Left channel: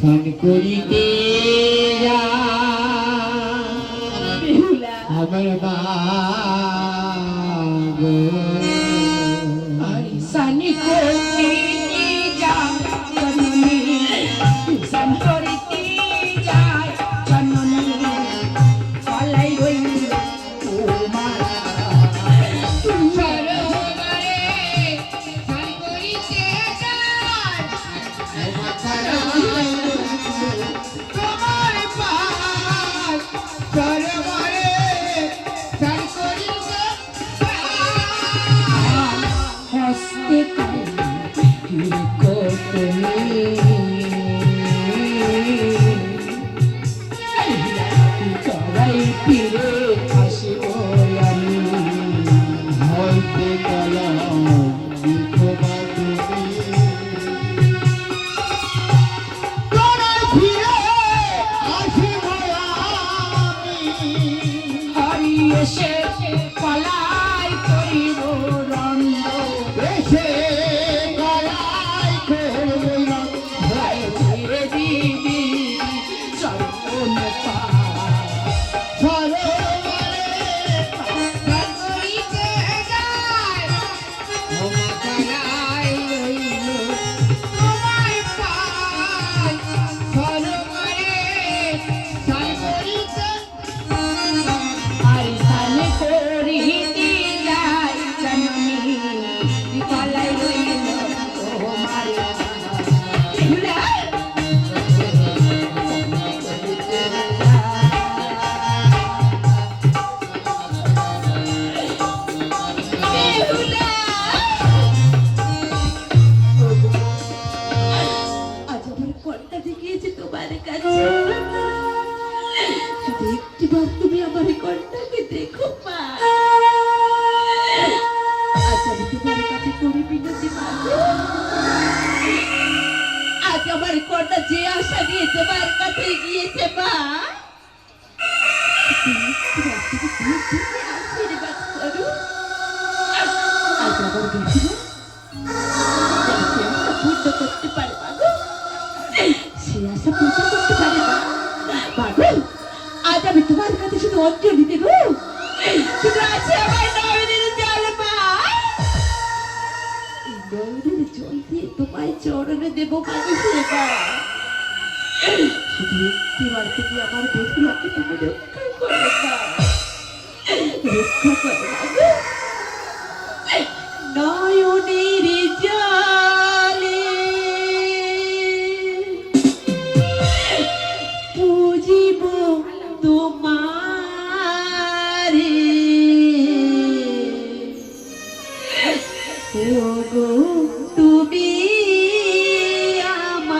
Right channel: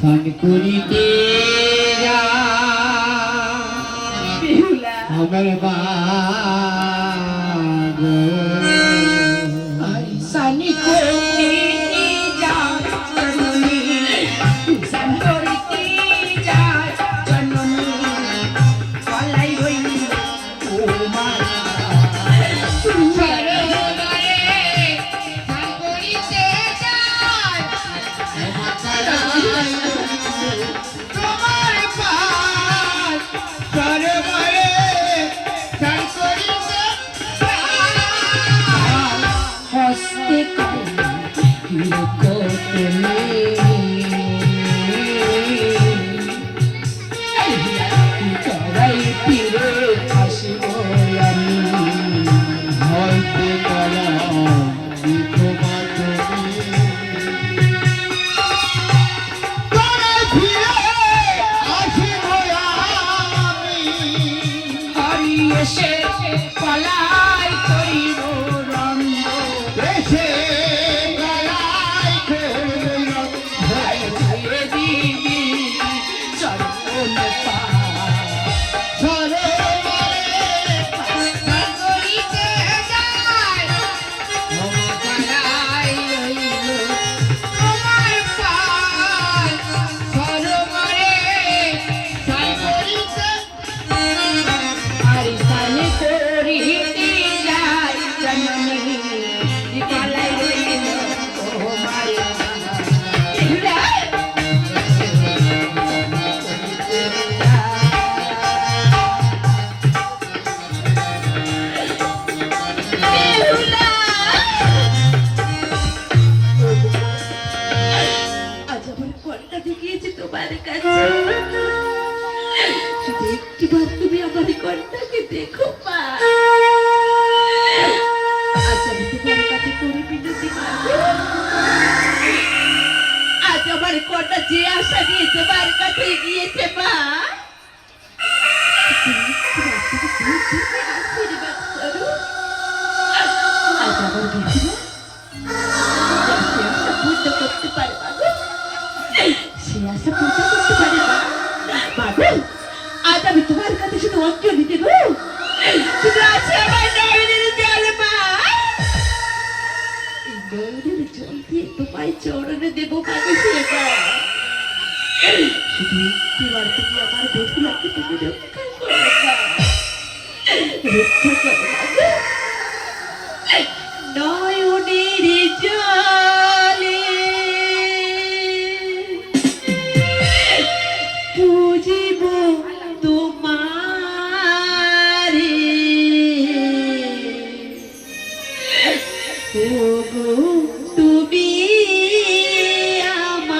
স্নান করিতে আমার বাগো স্নান করিতে জননী স্নান করিতে যায় জননী পালাই হইল তোমার যে আশা নিয়ে তোমার কাছে গিয়েছে মা করতে পারে সে আশা পূজা করতে পারে বাবু আজ আমি তোমার কাছে শুধু অঞ্জলি দেব শুধু আছে আমার নয়নের জল মা নয়নের জল দিয়ে তোমায় চরণে দেবো মানুষের মা শুধু একটিবার তুমি আমার বধুলাকে তুমি রক্ষা করো রক্ষা করো নয়নের জলে বুঝিব তোমারে তুমি নয়নের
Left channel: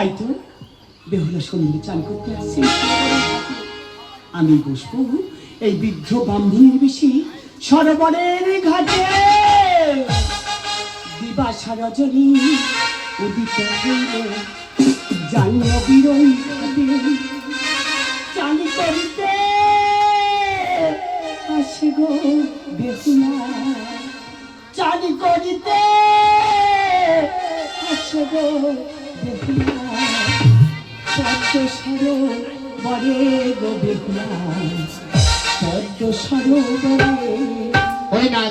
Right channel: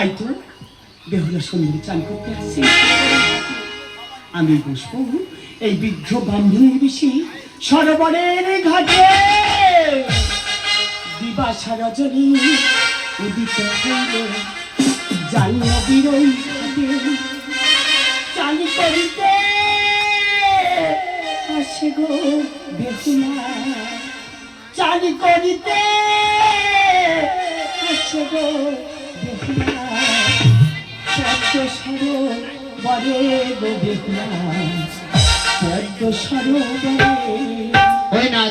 তাই তো বেহুলা সুন্দরী চান করতে আসছে আমি বসবো এই বৃদ্ধ ব্রাহ্মণের বেশি সরোবরের ঘাটে দিবাসা রজনী উদিত হইল জানিও বিরই চালি করিতে আসে গো বেহুলা চালি করিতে আসে গো বেহুলা পদ্ম সরোবরে গো বেহুলা পদ্ম সরোবরে ওই না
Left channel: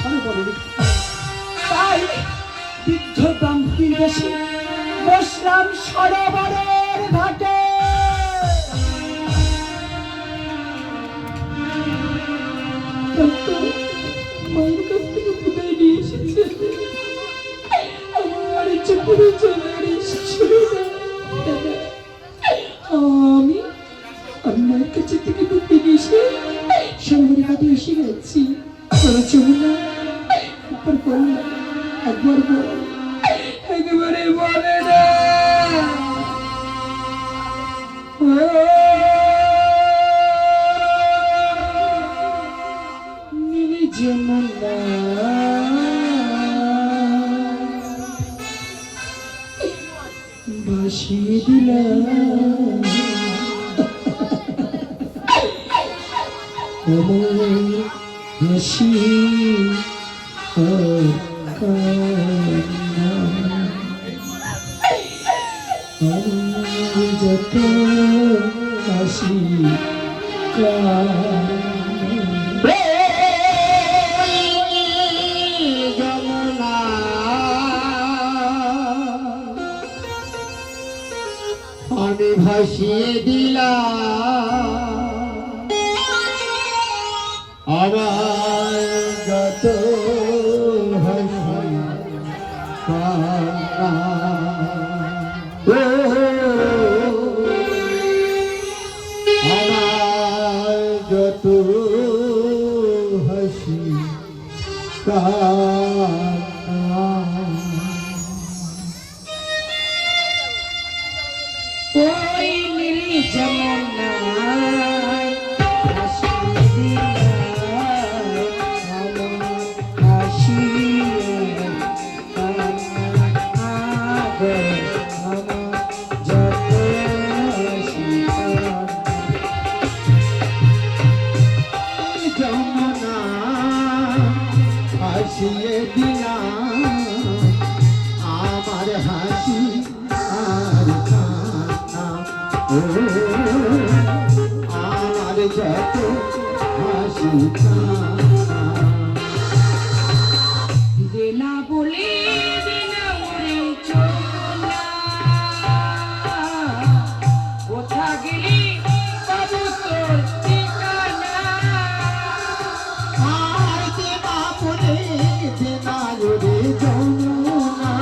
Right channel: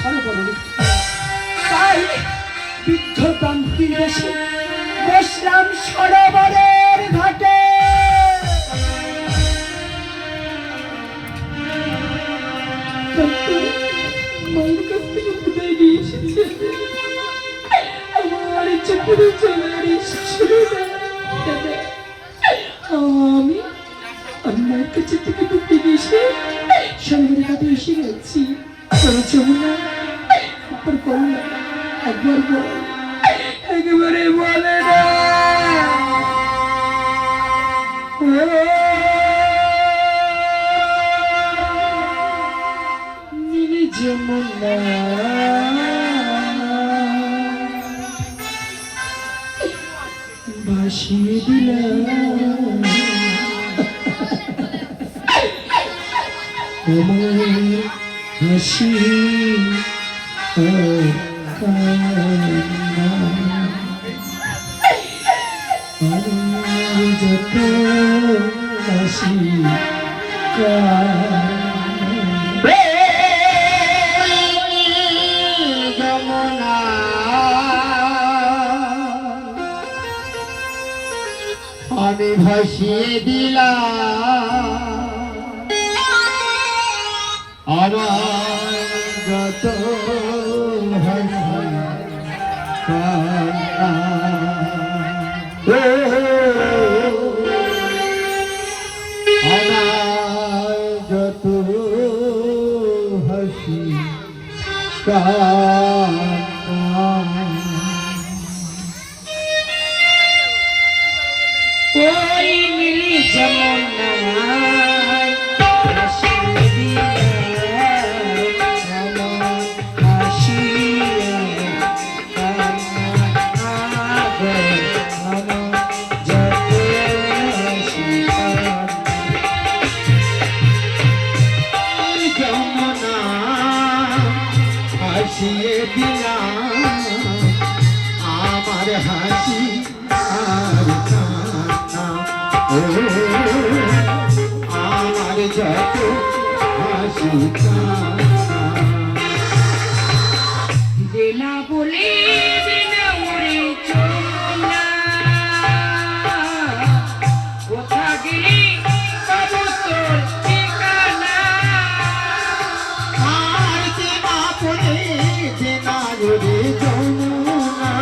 সরোবরে তাই বৃদ্ধ ব্রাহ্মণীর বেশে বসলাম সরোবরের ঘাটে মায়ের কাছ থেকে বিদায় নিয়ে এসেছে আমার ইচ্ছে করে চলে আমি মায়ের কাছে থেকে বিদায় নিয়ে এসে সঙ্গের কাছে এসে গেছি যমুনা উপর করুন একবার একেবারে বলে না যমুনা ভাসিয়ে দিলাম হাসি যত হাসি আমি ভাসিয়ে দিলাম আমার গত আমার ওই নীলি যমুনায় ভাসিয়ে দিলে ভাসিয়ে কান্না যত যমুনা হাসিয়ে দিলাম আমার হাসি আর কান্না ও আমার যত হাসি কান্না দেনা বলে দেনা ওরে যমুনা কোথা গেলি পাবো তোর ঠিকানা আর দেনা বলে দেনা রে যমুনা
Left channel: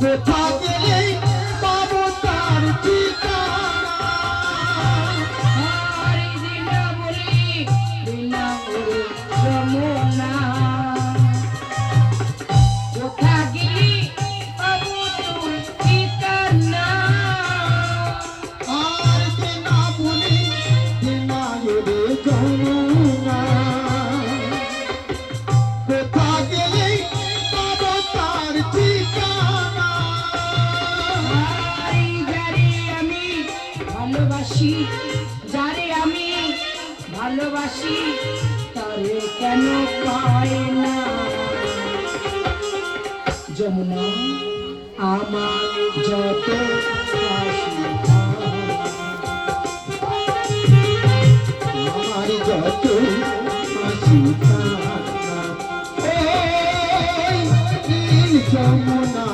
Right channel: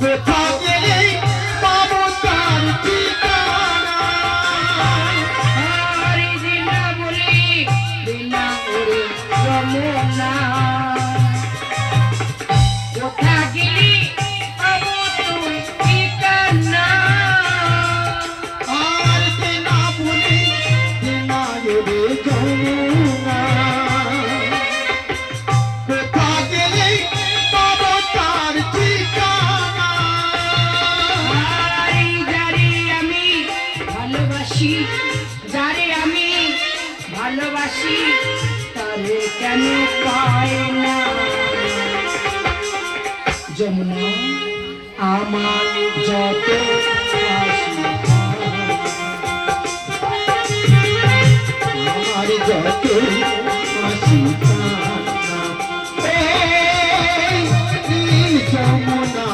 কোথা গেলে পাবো তার ঠিকানা আরে দেনা বলে দেনা ওরে যমুনা কোথা গেলি পাবো তোর ঠিকানা আর দেনা বলে দেনা রে যমুনা কোথা গেলে পাবো তার ঠিকানা আরে যারে আমি ভালোবাসি যারে আমি ভালোবাসি তারে কেন পাই না যমুনা আমার যত হাসি আমার যত হাসি কান্না এই নীল যমুনা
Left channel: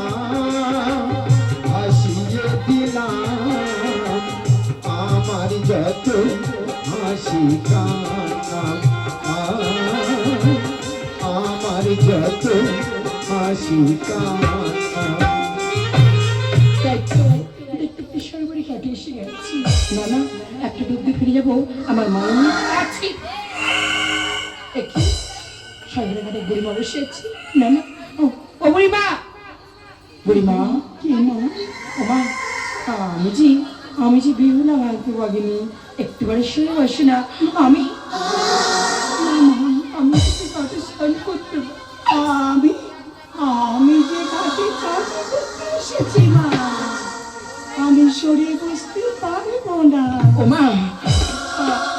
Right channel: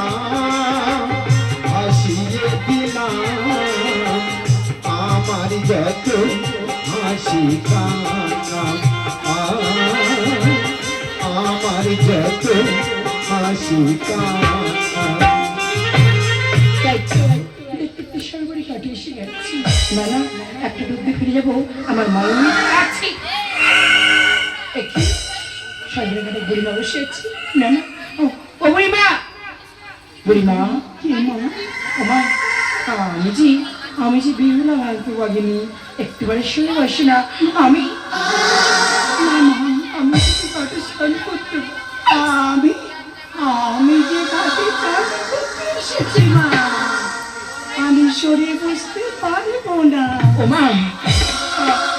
হাসিয়ে দিলাম আমার যত হাসি কান্না আমার যত হাসি কান্না দেখতে সর্বরি কাটিয়ে এসে গেছি না না একটা ডুব দিয়ে ফিরে যাবো আমার মায়ের আছে একটু সর্বরি ঘাটে বুড়িমা বসে আছি না না ও বুড়িমা বুড়িমা কি মা ওমা আমি যে বিয়ে হলাম অল্প বাগিনি একটুবারে শুনে বসে না আমি আমি কাটে স্নান করতে আমি আমি যে কাটে চান করতে এসেছি মা আমি সরে বসতে পারবো না ও মা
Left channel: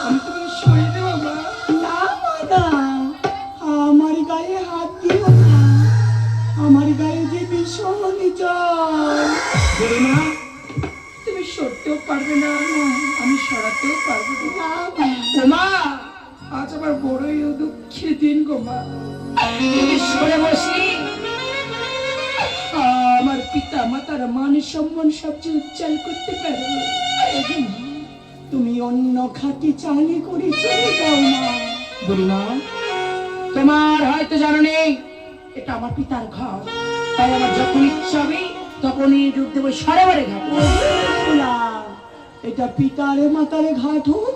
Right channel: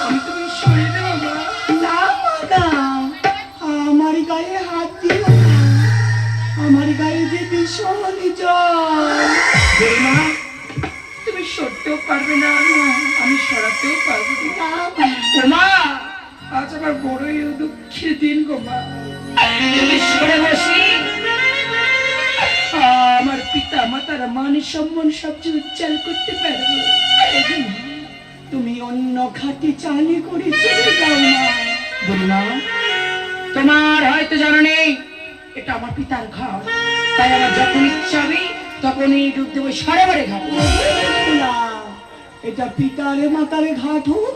আমি তুমি সরে দেবো মা না না আমার গায়ে হাত দিও না আমার গায়ে যে ভীষণ জল বুড়িমা তুমি সরতেও পারবে না আমি সরাতেও পারবো না ও মা আজ আমার বড়ই দুঃখের দিন গো মা তুমি সরে বসি আমার পিতা মাতার মান সম্মান সবচেয়ে উজ্জ্বল করতে পারবে তুমি অন্য খাটি চালি করে চলে যাও না বুড়িমা তোমার হয়তো জানা নেই এটা আমার পিতার ঘর তাই আমার যখন ইচ্ছা হবে তখনই ডুব দেবো সরোবরে ঘাট না, এটা পিতারে মাতারে ঘাট হোক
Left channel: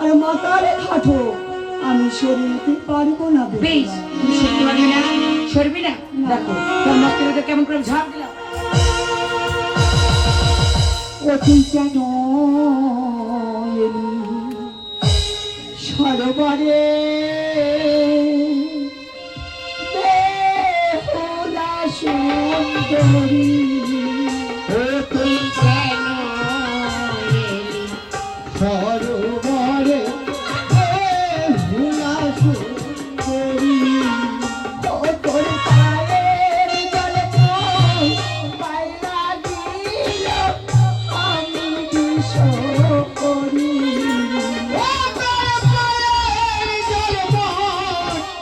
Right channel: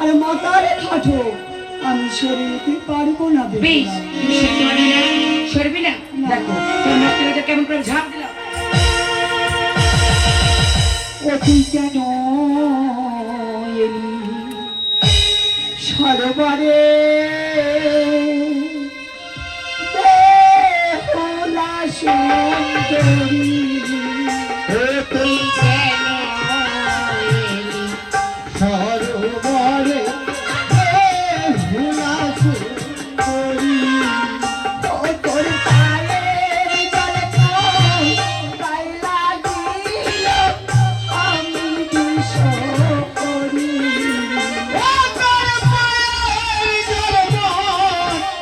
আর মাতারে ঘাট হোক আমি সরে যেতে পারবো না বেশ তুমি সরতে পারবি না সরবি না দেখো তোর মস্তকটা কেমন করে ঝাঁপ দিলাম ও তুই কেন এলি সরোবরে বেহুলা সুন্দরী তুই কেন এলি সরোবরে ভুলা সুন্দরী ও তোর পায়ের জলে পায়ে লাগিল আমি বিষ করি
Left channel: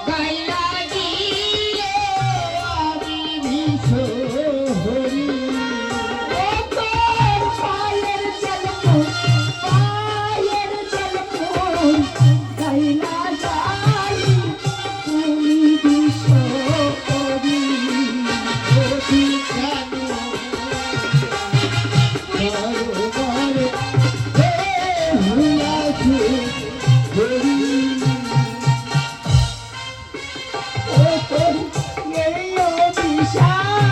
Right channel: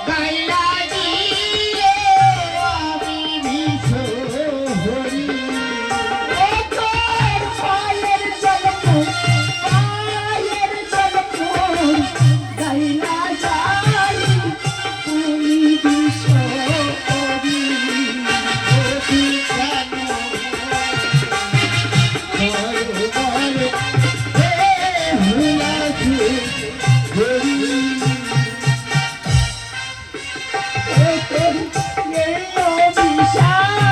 গাইলা দিয়ে আমি বিশ্বহরি ও তোর পায়ের জলে গাইলা যাই তুমি বিষ করি তুই কেন সরোবরে ভুলা সুন্দরী ও তোর এই অভিশাপ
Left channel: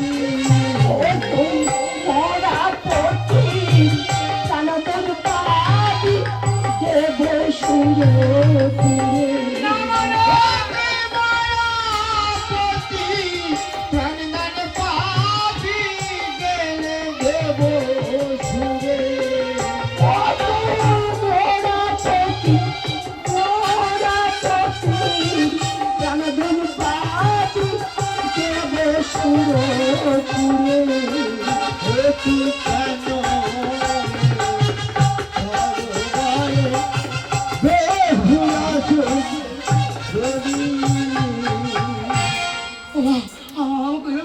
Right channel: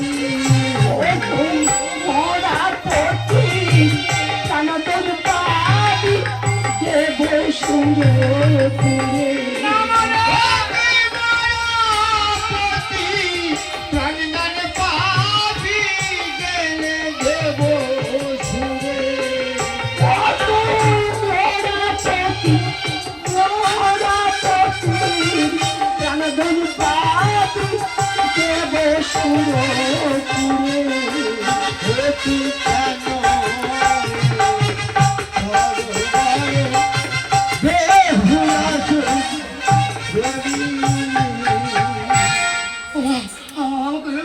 দেবী মোরা পতি সনাতন পাবি দেব সুরে পুরে প্রাণদান পাবি গেলে দেব সুরে অতি কেন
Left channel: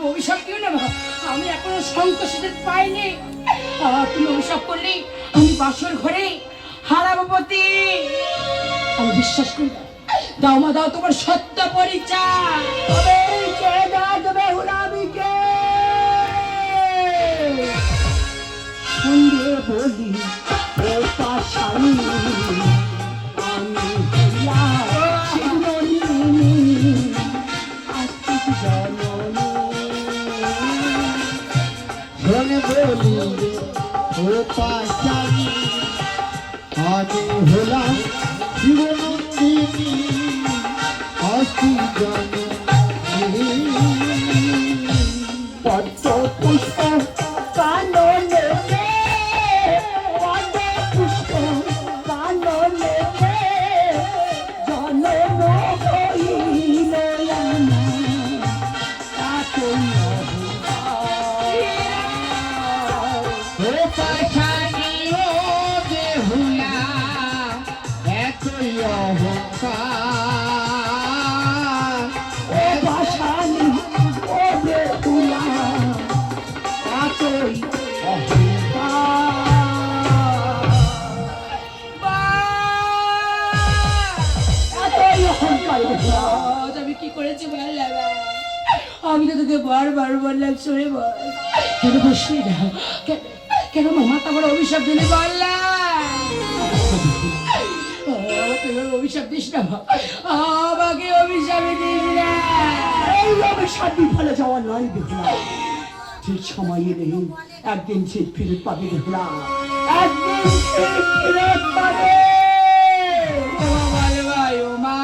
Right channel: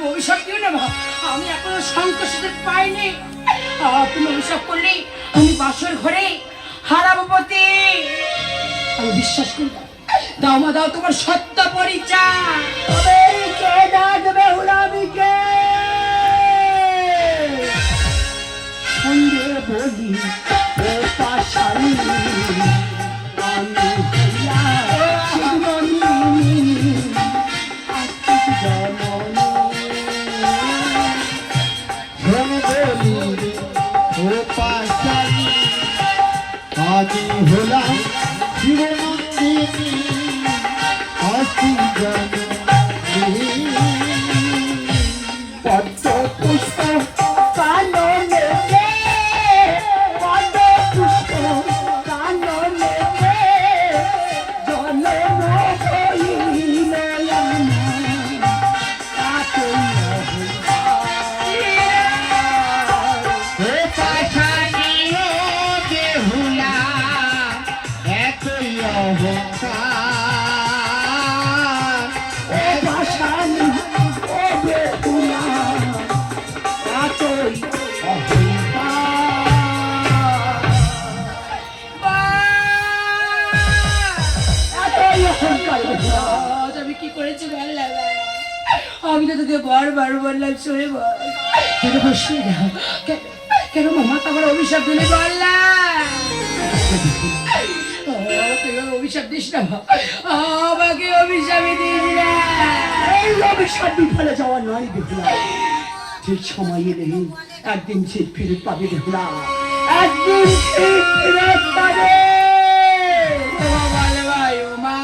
অভিশাপ দিও না মা, আমি এখনো সন্তোষের পাইনি। তুমি অভিশাপ করলে আমি বাসর ঘরে হারাবো পতি। আমি বিশ্বাস করি না। দাও মা দাও তোমার সত্য পরিচয়। সঙ্গে বলি ও পাশানি আমি ধন বলি ও পাশানি আমি হলাম শিবনন্দিনী অস্তি জননী পদ্ম পুষ্প কাননে পদ্ম পুষ্প কাননে জনম হইল ও পাশানি ও বেহুলা এতই অহংকার ও ভাষানি ও বেহুলা এতই আজ আমি কি করেছি ভালো লাগে। আমি তো তোকে বারবার বললাম সরে বল, কেন বসে যাও? কেন মামা তোমার অভিশাপ দিলে বললাম আমাকে অভিশাপ দিস না, আমাকে অভিশাপ দিস না। এই অভিশাপ বিফলে যাওয়া নয় বেহুলা, ঠিক সময় এলে একদিন ঠিক ফিরে পাবে বেহুলা, একদিন ঠিক ফিরে পাবে। ভালো ভাই মা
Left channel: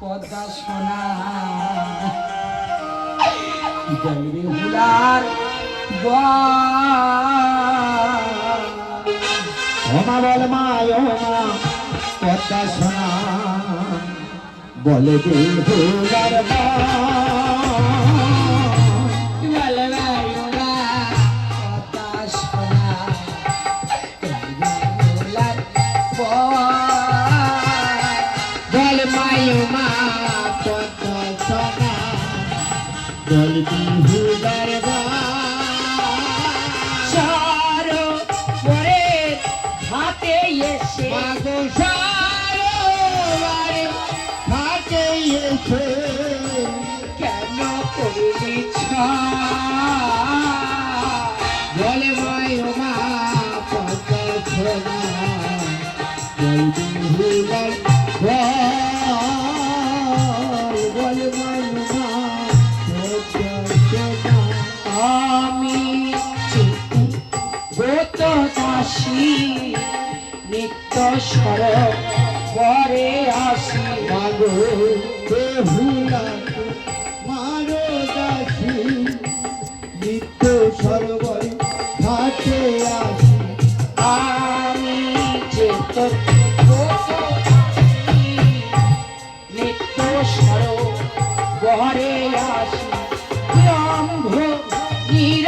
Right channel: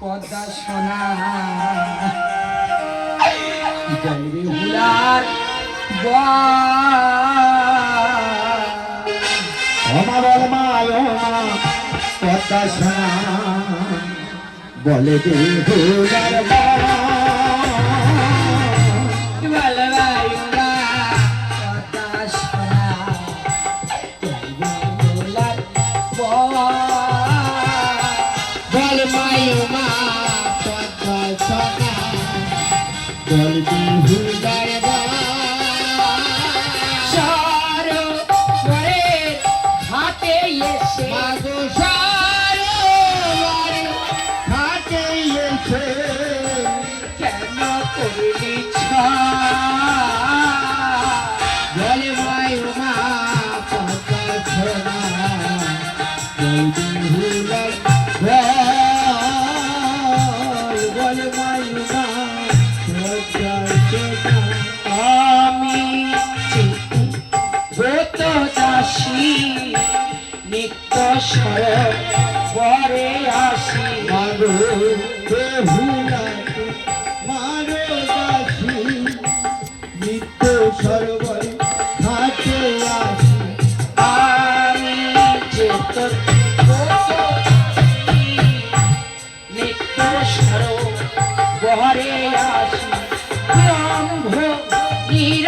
পদ্মা সোনা জলবে হুলার ওমা বল মা ওমা কথা শোনা বলে দে হুলার মা ভালো ভাই মা পদ্মা সোনা জলবে হুলার বল মাই মা কথা শোনা বলবি হুলার মা সরোবরের ঘাটে এসে মাগো সারোয়ারে ঘাটে এসে কেন করলি বল মাই মা কথা শোনা বলবি হুলার বল মাই মা কথা শোনা আমি ব্রত চাষি নিত্য সরোবরে আসি মাগো বেহুলা মারো দাসী নিত্য সরোবর ঘাটে আসি আমি চেত ব্রত চাষি নিত্য সরোবরে আসি ব্রহ্ম নির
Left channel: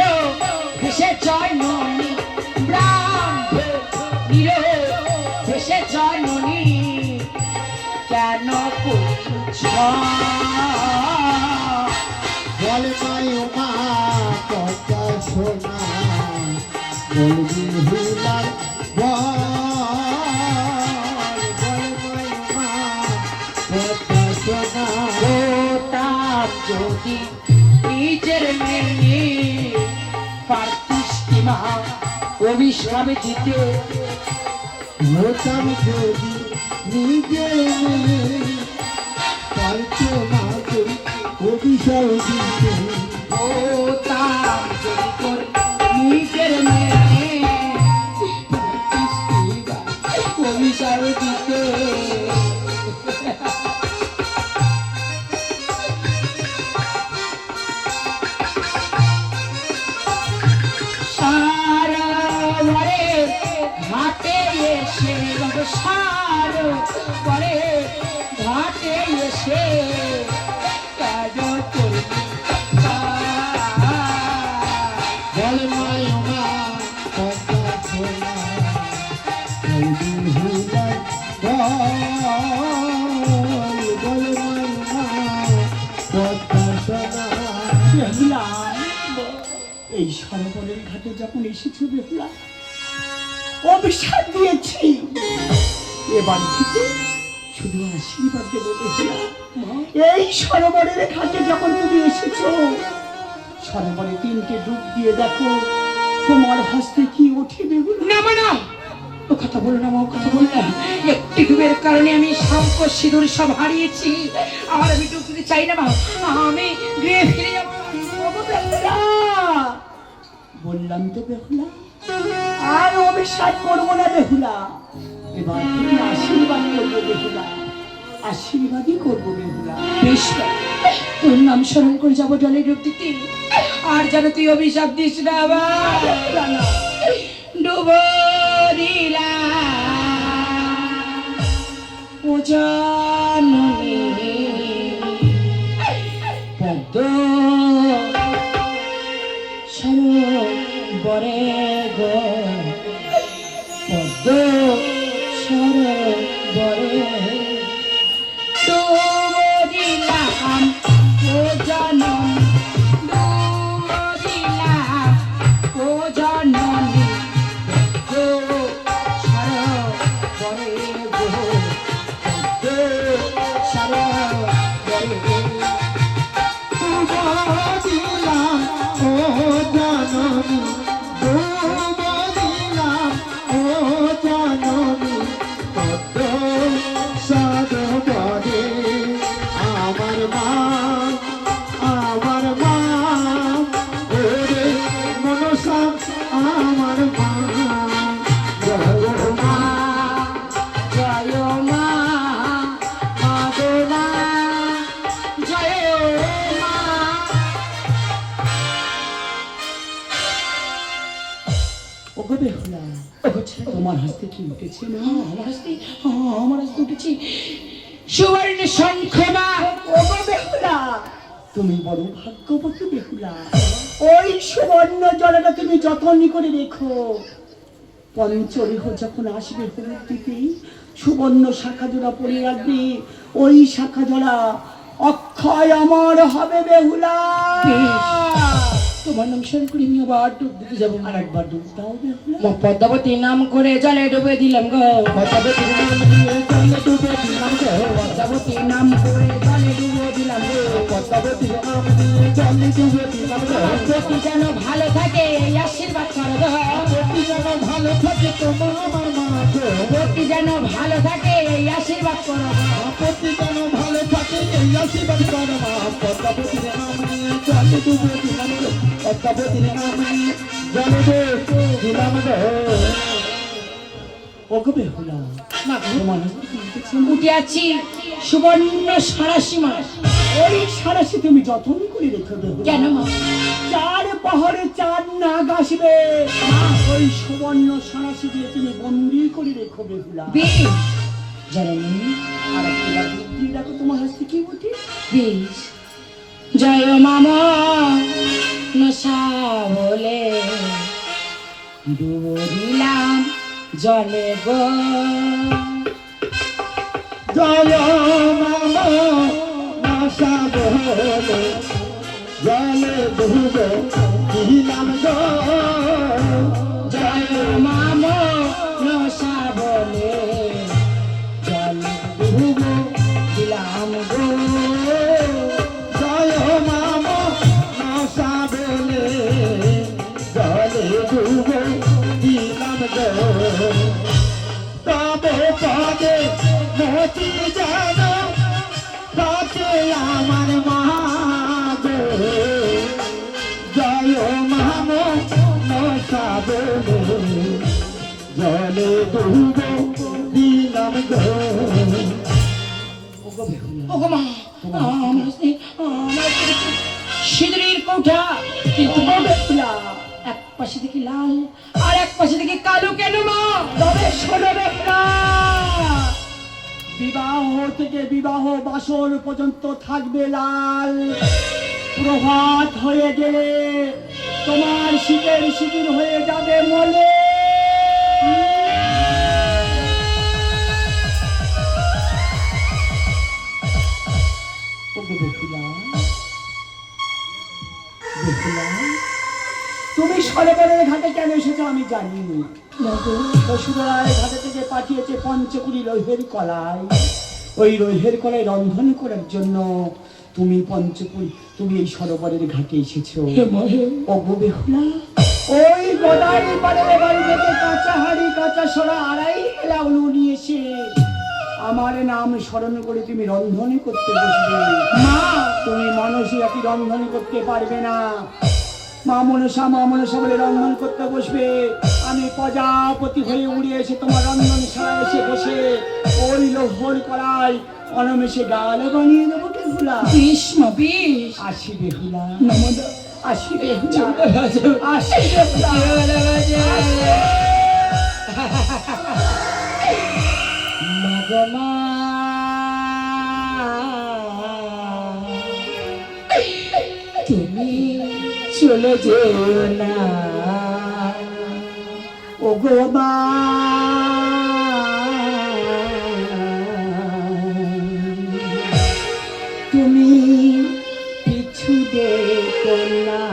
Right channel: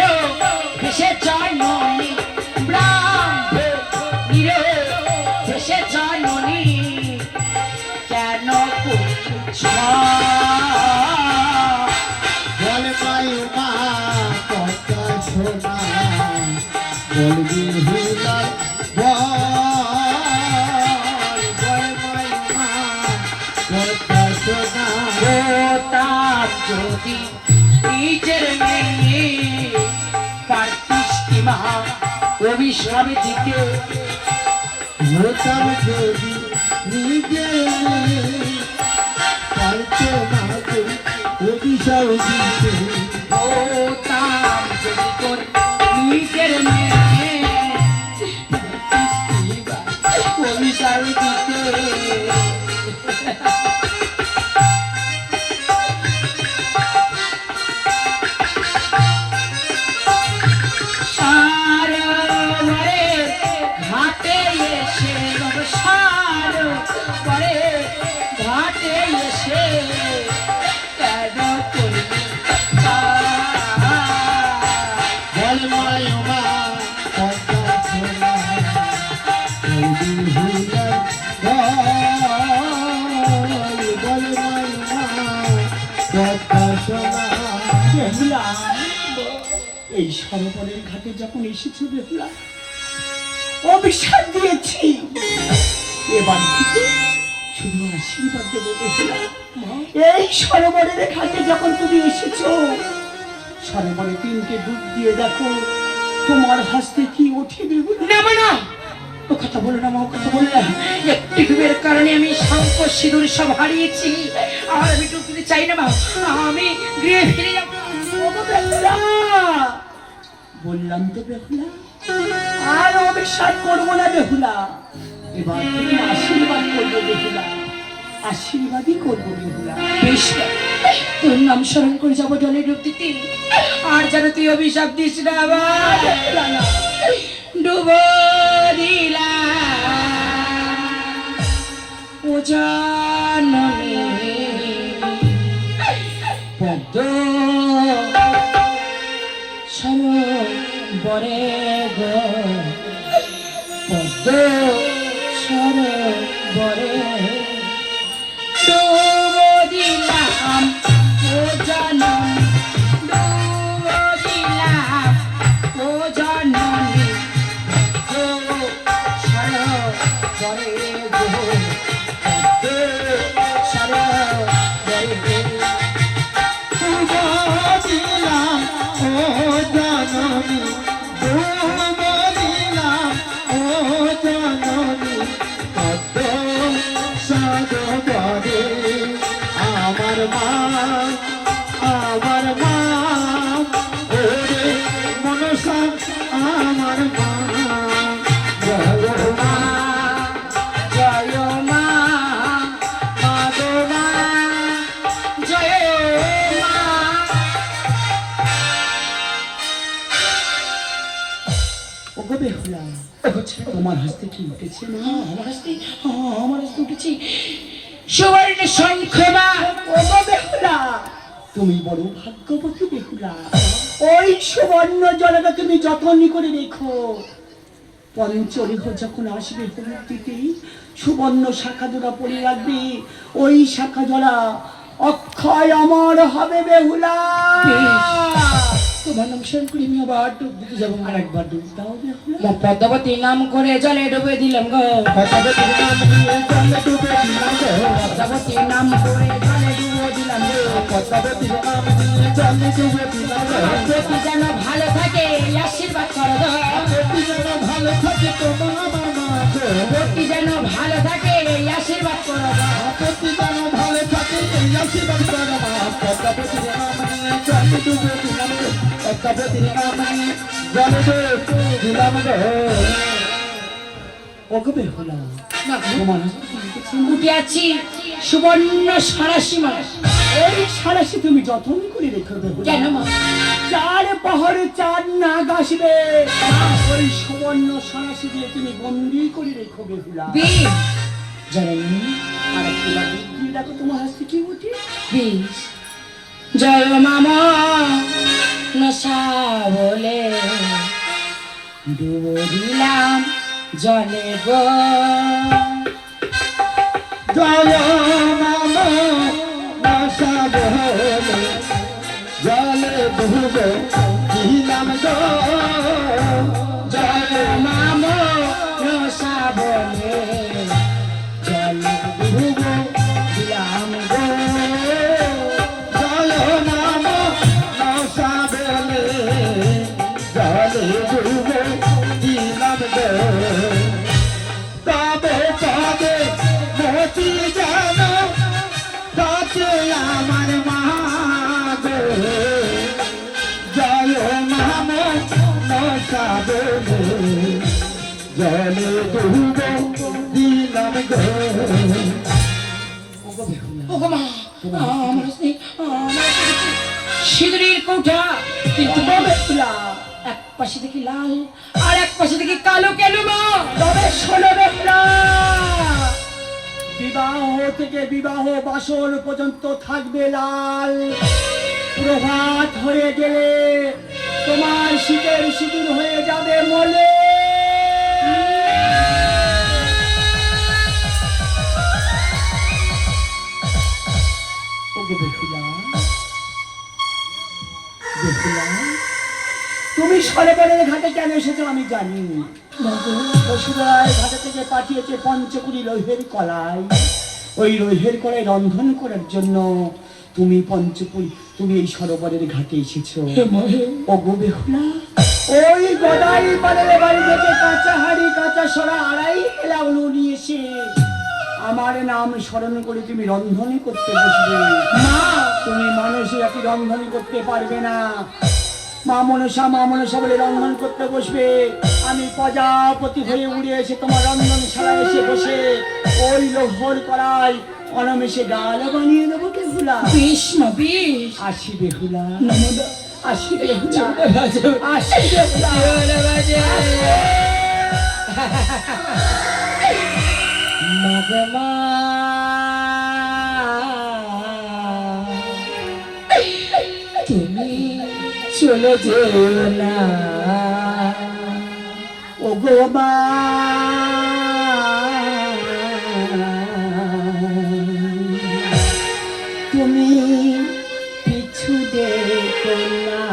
ভেসে জন্মনি ব্রহ্ম নির ভেসে জন্মনি কেন করছ বল মাই মা কথা শোনা বলবি হুলার বল মাই মা কথা শোনা তার যদি নিজের মেয়ে পার্থিষ্টি মা অভিশাপ দিতে হতাম যদি নিজের পারছো মাগো অভিশাপ দিতে ও বলে মাই উমা পদ্মা সোনা ওই বিহুলার বলে মাই উমা পদ্মা সোনা। বেহুলা, এই সরোবরের ঘাটে যখন এসেছি বেহুলা, অভিশাপ দিয়েছি, এবার থেকে শুধু আশীর্বাদ দেবো বেহুলা। এই সরোবরের ঘাটে যখন তুমি এসেছো, সরোবরে 3টে ডুব দিয়ে দেখো তোমার হস্তে কি ওঠে বেহুলা। না না, ও কথা বলো না মা, ও কথা বলো না। একটি ডুবের কারণে আমি শঙ্খ সিঁদুর সব হারিয়েছি, আর আমি ডুব দিতে চাই না মা, আমি গৃহে ফিরে যাবো। বললাম তো বেহুলা, আর অবিশ্বাস করবো না বেহুলা, এবার তুমি আশীর্বাদ করবো বেহুলা, আশীর্বাদই করবো বেহুলা। বেশ, তোর নাম স্মরণ করে যাবো জলে ডুব দিতে, আর যেন তুই অভিশাপ দিস না আবার। ডুব দিলাম ও জননী পদ্ম সরোবরে গো, পদ্ম সরোবরে ডুব দিলাম ও জনম, ডুব দিলাম ও জননী পদ্ম সরোবরে গো, পদ্ম সরোবরে দিলাম ও জননী ডুব দিলাম ও জননী পদ্ম সরোবরে। আমার মা ওরে মনসা আমার মা, জয় মা জয় মা, মা গো মা, জয় মা। ওগো বেহুলা, তোমার হাসতে কি উঠেছে না? আমার হাসতে, আমার হাসতে উঠেছে সুবর্ণ শঙ্খ মা। ওগো বেহুলা, তুমি বড় ভাগ্যবতী বেহুলা, ওই সুবর্ণ জলটা তুমি যত্ন করে রেখো। পঞ্চবিহ যখন আসবে হলুদ দিতে, সুবর্ণ শাখা জোড়া পরে রাখবে, ওই শাখা জোড়া অক্ষয় অমর হবে বেহুলা। তোমার নাম স্মরণ করে আমি আবার ডুব দিতে যাবো, আর একবার ডুব দাও বেহুলা। পদ্মাবতী নাম করে জলে ডুবে দিলাম গো, পদ্মাবতী নাম দিয়ে জলে ডুবে দিলাম গো, পদ্মাবতী নাম করে জলে ডুবে দিলাম গো, পদ্মাবতী নাম দিয়ে জলে ডুবে দিলাম গো। প্রতি যেন ভালো থাকে এই আশীর্বাদ করো গো, প্রতি যেন ভালো থাকে তোমার আমার মা গো, প্রতি যেন ভালো থাকে এই আশীর্বাদ করো গো। প্রতি যেন ভালো থাকে এই আশীর্বাদ করো মা। পদ্মাবতী নাম নিয়ে জলে ডুবে দিলাম গো, পদ্মাবতী নাম নিয়ে জলে ডুবে দিলাম গো। ওগো বেহুলা, না তোমার উঠে আছি সুবর্ণ সারাশি মাস, ওই সারাশি তুমি যত্ন করে রেখে দেবো। কেন মা? 4 পহরে 4 নাগ আসবে, ওই সুবর্ণ সারাশি দিয়ে তুমি বন্দি করে রেখো বেহুলা। জননী, আর একটা বুদ্ধি দেখো তোমার হাসতে কি উঠে। বেশ, জয় মামা নশা বলে ডুব দিলাম জলে গো, জয় মামা নাশা বলে জলে ডুবে দিলাম গো, জয় মামা নশা বলে জলে ডুব দিলাম গো, জয় মামা নাশা বলে জলে ডুবে দিলাম গো। তবে তবে মতি জানো কাছে আমার মা গো, জয় মামা নাশা বলে জলে ডুবে দিলাম গো। ওগো মা, আমার সিঁদুরের কৌটা, কিন্তু বেহুলা এক পাশে দেখি লাল আর এক পাশে দেখি কালো কেন মা? তবে শোনো বেহুলা, বিবাহ থেকে বিবাহ বাসর পর্যন্ত থাকবে লাল, প্রভাত হয়ে গেলে তোমার শীতের সিঁদুর হয়ে যাবে মলে। ওকে বেহুলা, বেহুলা, তুমি সরোবরের ঘাটে কেন এসেছো আমি জানি। শ্বশুরায় ঘাটে থেকে পাঠিয়েছে পঞ্চকুড়ি লোহের কলাই। ওই লোহের কলাই রন্ধন করার জন্য তুমি তুমি এই সরোবরের ঘাটে এসেছো। ও গো বেহুলা, ওই গদাই পাড়ের বাড়ি থেকে কাঁচা হাড়ি কাঁচা সরা আড়াই এলা উলু নিয়ে এসে আমার নাম স্মরণ করে তুমি রন্ধন করতে বসবে। মা, তুমি মানুষই একই রন্ধন করতে পারবে না। মা মনসা বলে রন্ধন করতে বসবে। আমি প্রজাপতি হয়ে উড়ে এসে তোমার রন্ধনশালা এসে বসে ওই লোহর কড়াই অনমেষে গাল বানিয়ে দেবো বেহুলা। বেশ মা বেশ। আসি বেহুলা, আসি বেহুলা, আসি বেহুলা। তুমি চলে যেও না ও গো মা, তুমি পিছু দেখো না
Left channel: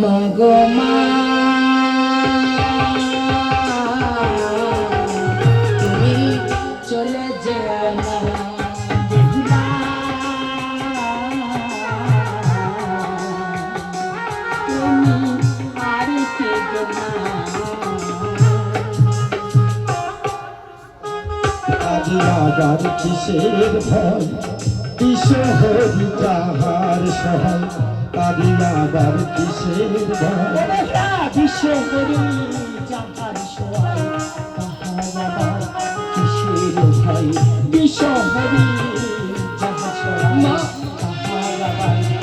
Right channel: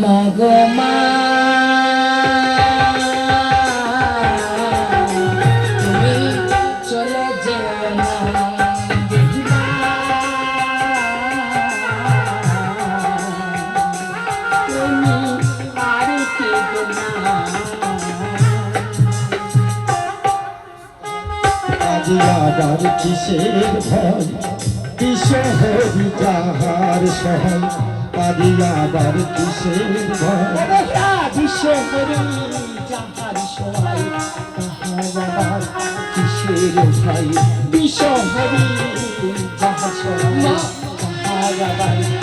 মা গো মা, তুমি চলে যেও না। আবার কিসের ভয় কিশোরী যাহার সহায়, আদি আবার কিসের ভয় কিশোরী যাহার সহায়, তাহার আবার কিসের ভয়। কিশোরী যাহার সহায়, তাহার আবার